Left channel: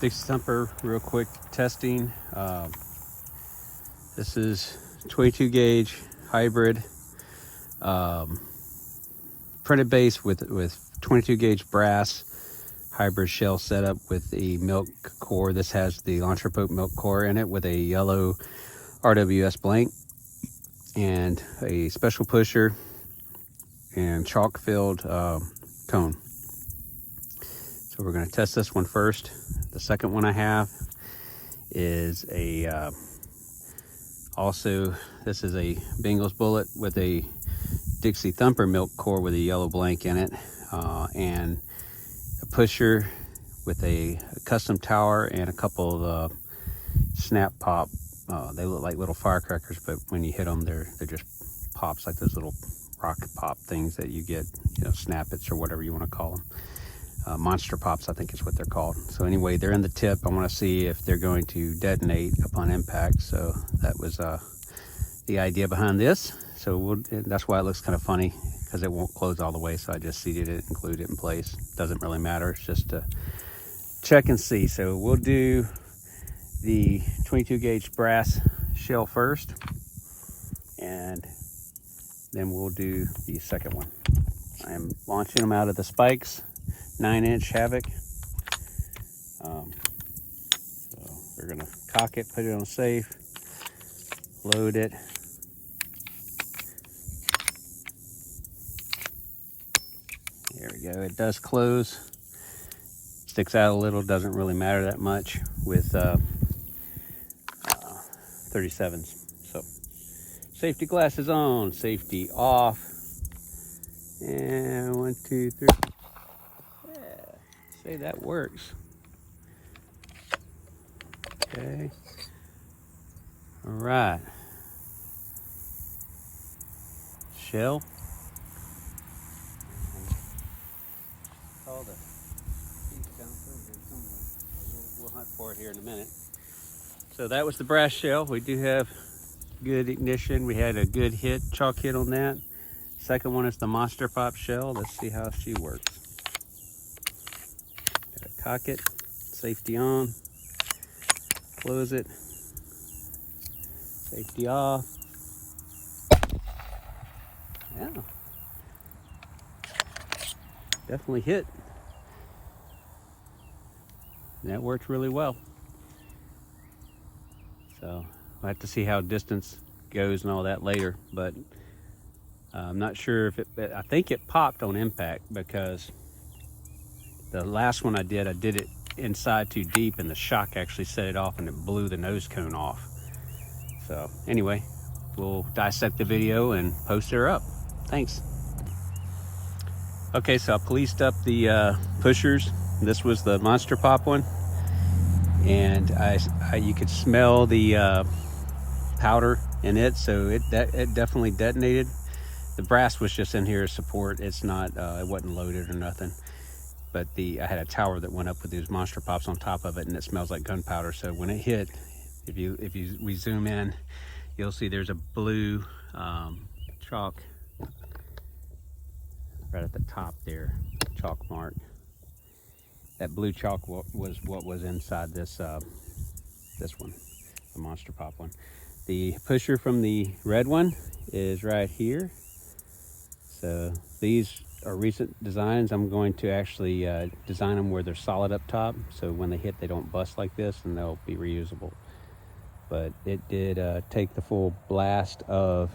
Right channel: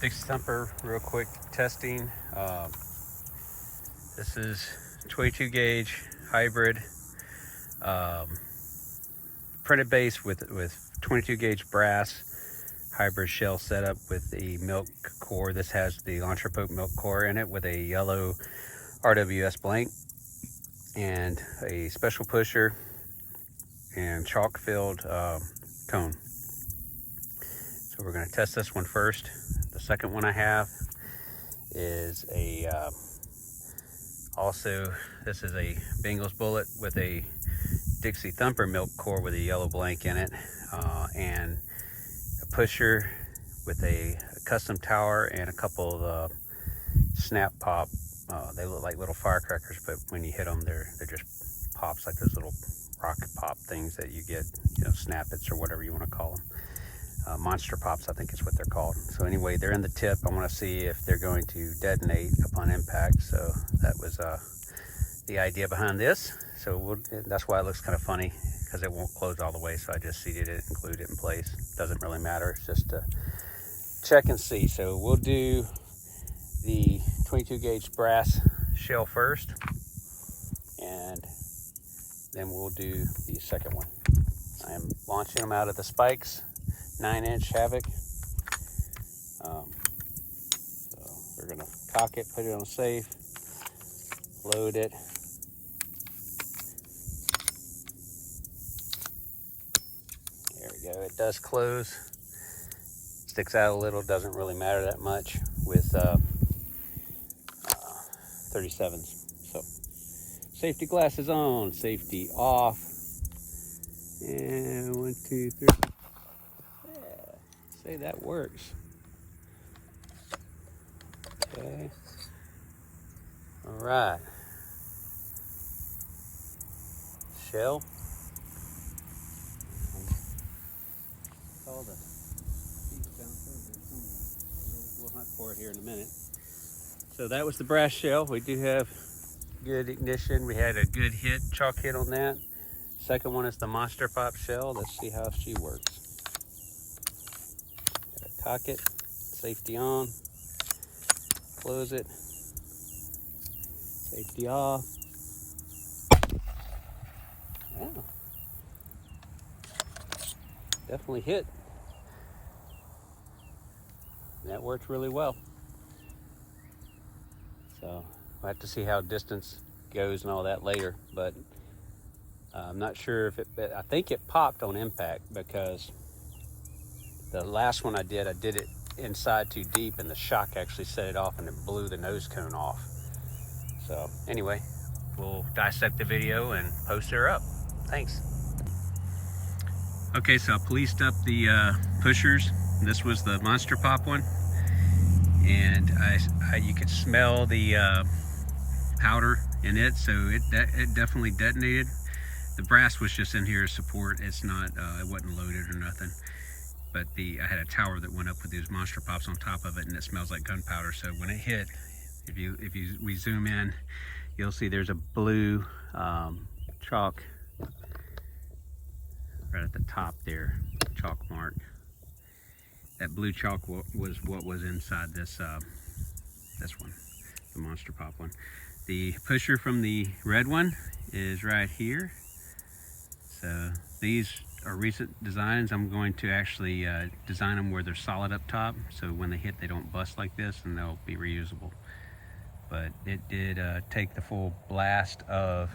Dixie thumper, real quick testing. This is 22 gauge hybrid, printed base with 22 gauge brass hybrid shell setup with a MILC core. This has the Entrepot MILC core in it with a yellow RWS blank and a special pusher and chalk filled cone. So we're going to test this one first. The second one I have is also, this is a Bengals bullet with a Dixie thumper MILC core with a yellow blank in it, and a pusher with a custom tower and a couple of snap pop. They look like little firecrackers, but when you hit them, they're just pops, like those little rocket pop things that you get, snap-its or whatever you want to call them. Monster pops, I think is what they're called. So anyway, they're in the tip. I want to see if they're going to detonate upon impact. So that was the idea behind this. So that's why it looks kind of funny, because it won't close all the way. So I just seated it and glued it in place. Doesn't really matter. It's just to check and see. So we'll do the 22 gauge brass shell first, and then we'll do the second one. So I'm launching them out of the spikes. 9-inch Havoc. So we're gonna cock it, put it on safe, load it. There we go. It does close. Sticks out a little. Doesn't really matter that much with 37s. So safety glasses on, safety off, and 1, 2, 3. Say that works. Okay. All right. Shell. Call the piece down here somewhere. We'll hunt for it here in a minute. So that was the brass shell. We do have good ignition. We had a good hit, chalk hit on that. Second one is the Monster Pop shell. Let's see how she works. Cock it, safety on, close it, safety off. Yeah, definitely hit. That worked really well. So we'll have to see how distance goes and all that later, but I'm not sure if I think it popped on impact, because the last one I did it inside too deep, and the shock actually set it off and it blew the nose cone off. So anyway, we'll dissect the video and post her up. Thanks. Okay, so I policed up the pushers. This was the Monster Pop one, and you could smell the powder in it, so it definitely detonated. The brass was just in here as support. It's not, it wasn't loaded or nothing. But I had a tower that went up with these Monster Pops on top of it, and it smells like gunpowder. So when it hit, we zoom in, you'll see there's a blue chalk right at the top there, chalk mark. That blue chalk was what was inside this one, the Monster Pop one. The pusher from the red one is right here. So these are recent designs. I'm going to actually design them where they're solid up top, so when they hit they don't bust like this, and they'll be reusable. But it did take the full blast of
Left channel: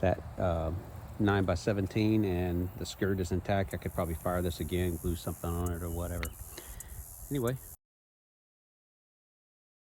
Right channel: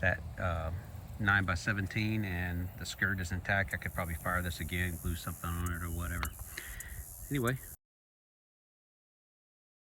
that 9x17, and the skirt is intact. I could probably fire this again, glue something on it or whatever. Anyway,